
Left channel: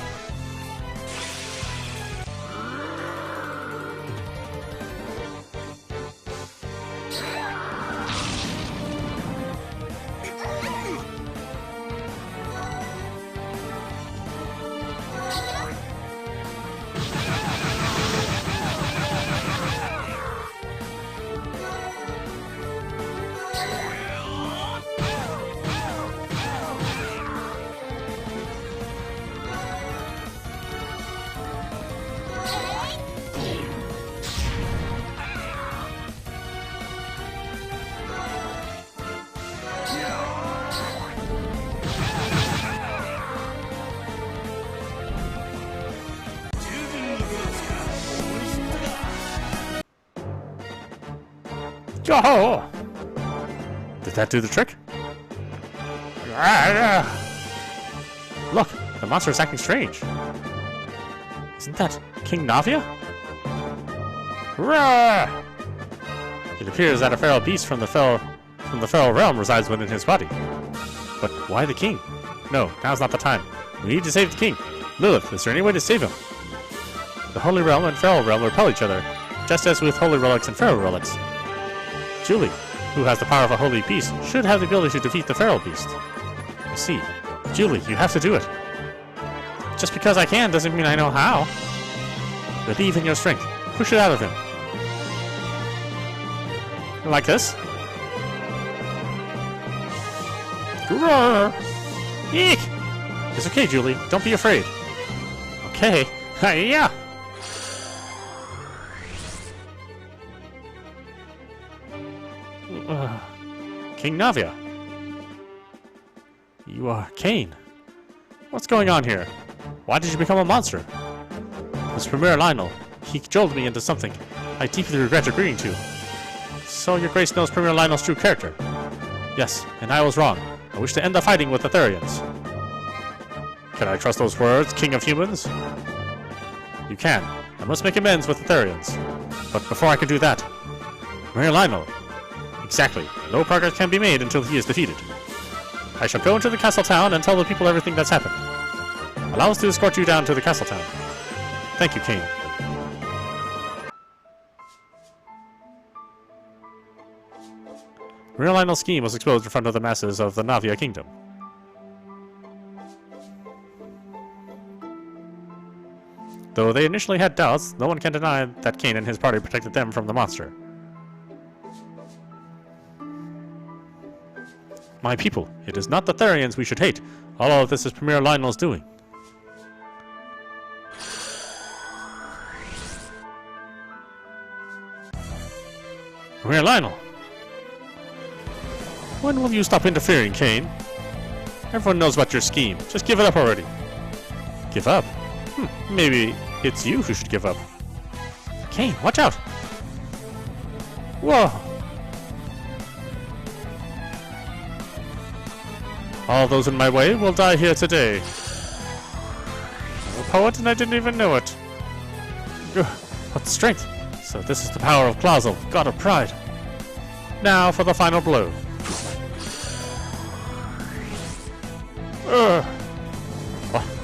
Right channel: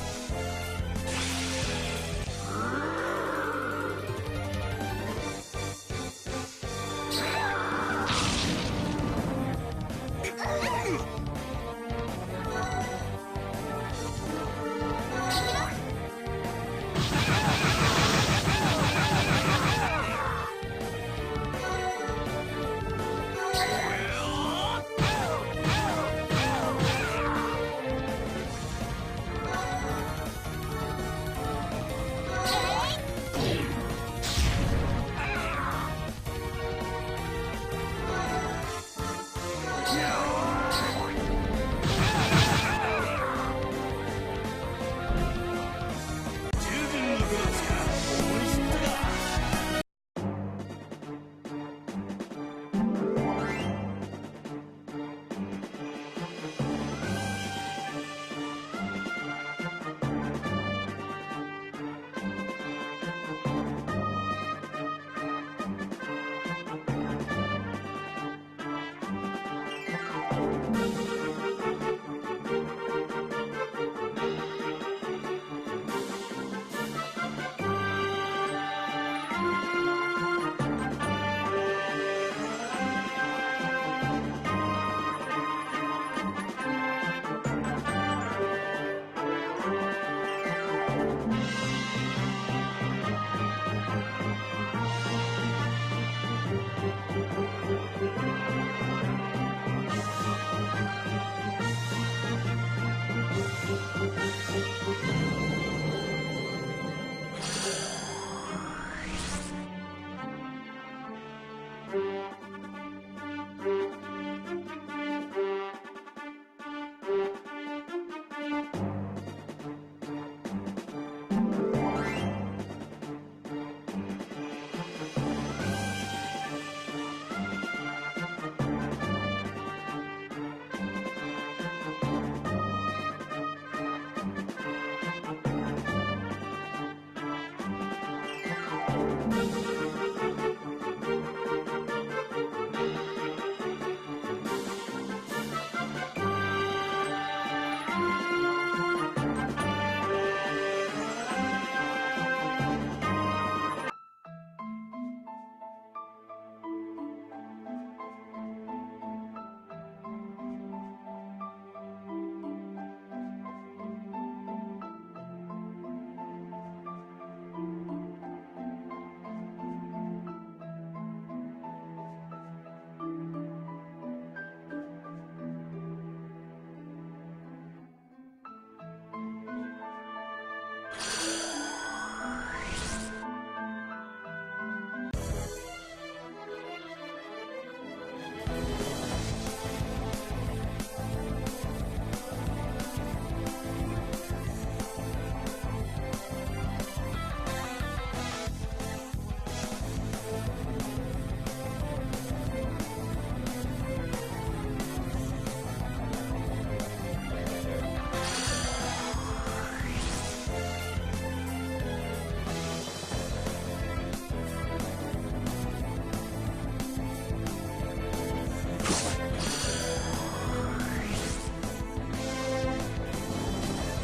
Oh! Did that do the trick? Look, the monster is acting strange. Isn't that King Navia? It appears that a feral beast from the feral realm resides within his body. But why the king? No, now's not the time. We need to save the king. Lilith, is there any way to save him? The Holy Realm and Feral Realm repel each other, just as with Holy Relics and Feral Relics. Julie, who has the power of a holy beast, should have the ability to defeat the feral beast. I see. Julie, you have to do it. Just because I can doesn't mean I know how. Believe in your strength. Push it out of him. Like this? Roar! Eek! It's okay, Julie. Don't be afraid. Okay. Hi-ya! King Navia. You are Caine. What's going on here? Why did you become a monster? This Premier Lionel, he jolted me into something I deeply regret agreeing to. So your grace knows Premier Lionel's true character. Yes, and I was wrong. I wish to end the fighting with the therians. Can I trust those words, King of Humans? You can. I must make amends with the therians. But before I can do that, Premier Lionel. Exactly. No progress can be made until he is defeated. I shall go into the castle town and tell the people everything that's happened. Allow us to escort you down to the castle town. Thank you, Caine. Real Lionel's scheme was exposed in front of the masses of the Navia Kingdom. Though they initially had doubts, no one can deny that Caine and his party protected them from the monster. My people, it is not the therians we should hate. All of this is Premier Lionel's doing. Premier Lionel! When will you stop interfering, Caine? Everyone knows about your scheme. Just give it up already. Give up? Maybe it's you who should give up. Caine, watch out! Whoa! All those in my way will die here today. A poet and I didn't even know it. What strength! So this is the power of Clausel, god of pride. Now for the final blow.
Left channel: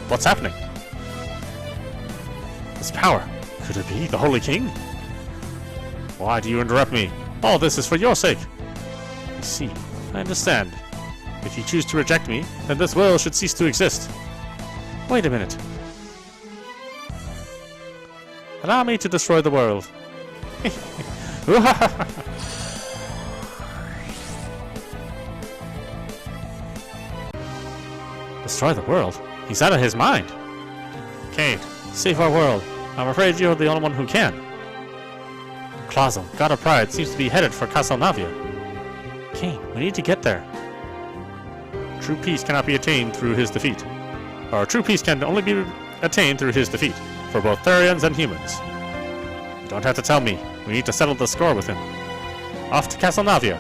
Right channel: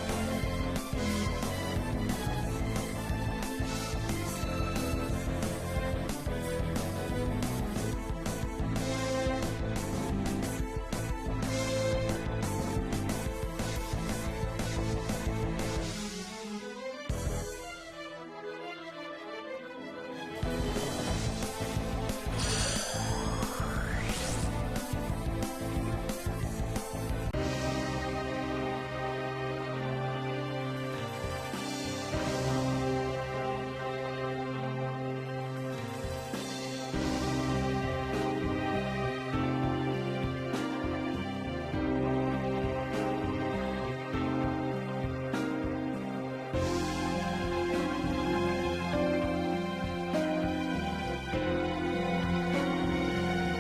What's happening? This power. Could it be the Holy King? Why do you interrupt me? All this is for your sake. I see. I understand. If you choose to reject me, then this world should cease to exist. Wait a minute. Allow me to destroy the world. Destroy the world? He's out of his mind. Caine, save our world. I'm afraid you're the only one who can. Plaza, God of Pride, seems to be headed for Castelnavia. Caine, we need to get there. True peace cannot be attained through his defeat. Or true peace can only be attained through his defeat, for both therians and humans. You don't have to tell me. We need to settle the score with him. Off to Castelnavia.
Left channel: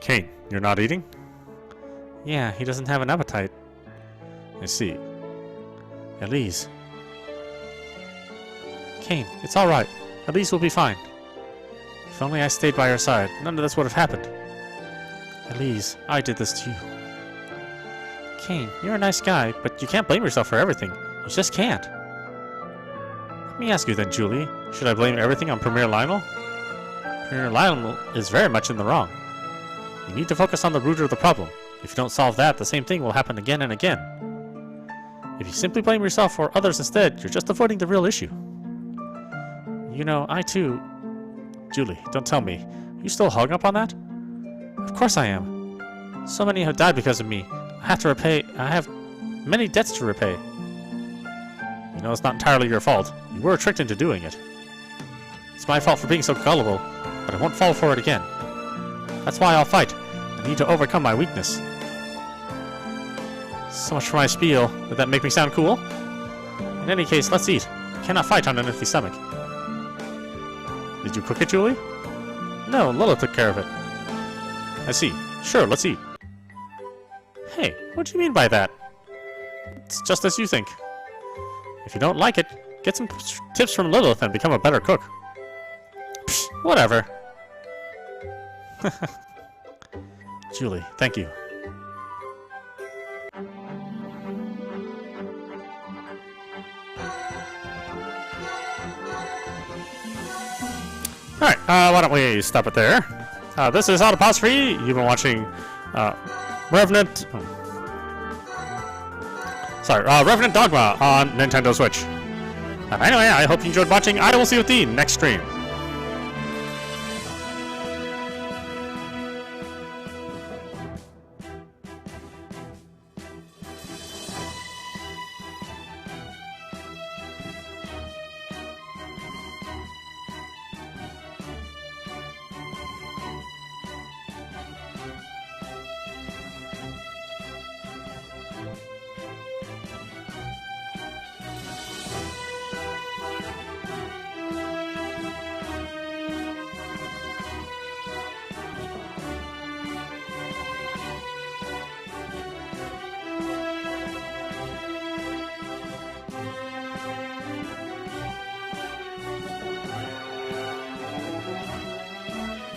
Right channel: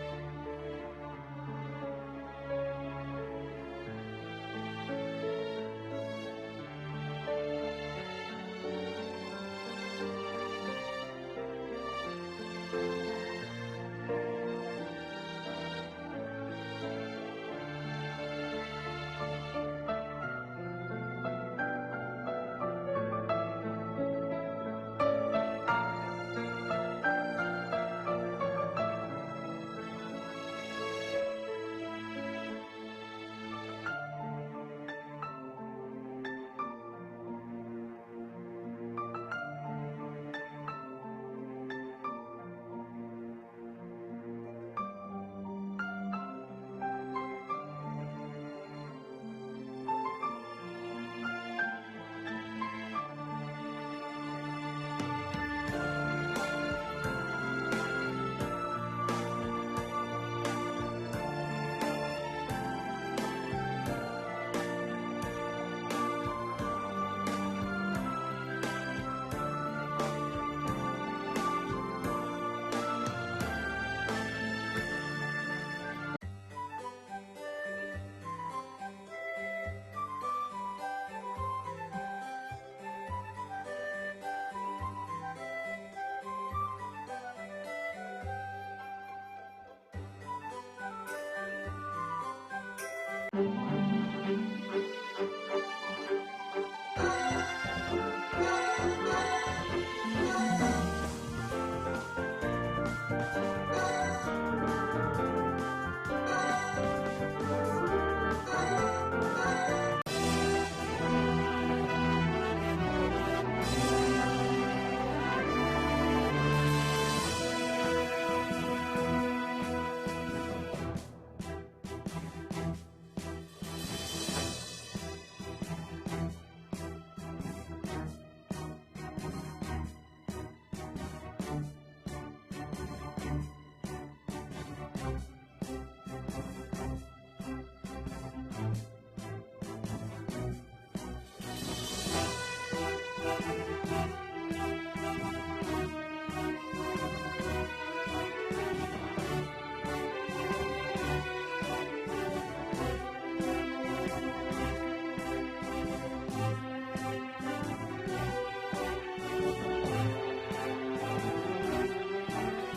Caine, you're not eating? Yeah, he doesn't have an appetite. I see. Elise. Caine, it's alright. Elise will be fine. If only I stayed by her side, none of this would have happened. Elise, I did this to you. Caine, you're a nice guy, but you can't blame yourself for everything. You just can't. Let me ask you then, Julie. Should I blame everything on Premier Lionel? Premier Lionel is very much in the wrong. You need to focus on the root of the problem. If you don't solve that, the same thing will happen again and again. If you simply blame yourself or others instead, you're just avoiding the real issue. You know, I too... Julie, don't tell me. Are you still hung up on that? Of course I am. So many have died because of me. I have many debts to repay. You know, it's not entirely your fault. You were tricked into doing it. It's my fault for being so gullible, but I won't fall for it again. That's why I'll fight. I need to overcome my weakness. So much for my spiel. Did that make me sound cool? In any case, let's eat. I cannot fight on an empty stomach. Did you cook it, Julie? No, Lola took care of it. I see. Sure, let's eat. Hey, what do you mean by that? It's just as you think. If you don't like it, get some tips from Lilith and become a better cook. Psh, whatever. Julie, thank you. Alright, why don't we stop it there? This is audap. You've been watching Revenant Dogma on Nintendo Switch. Anyway, I hope you enjoyed watching. I will see you at the next stream.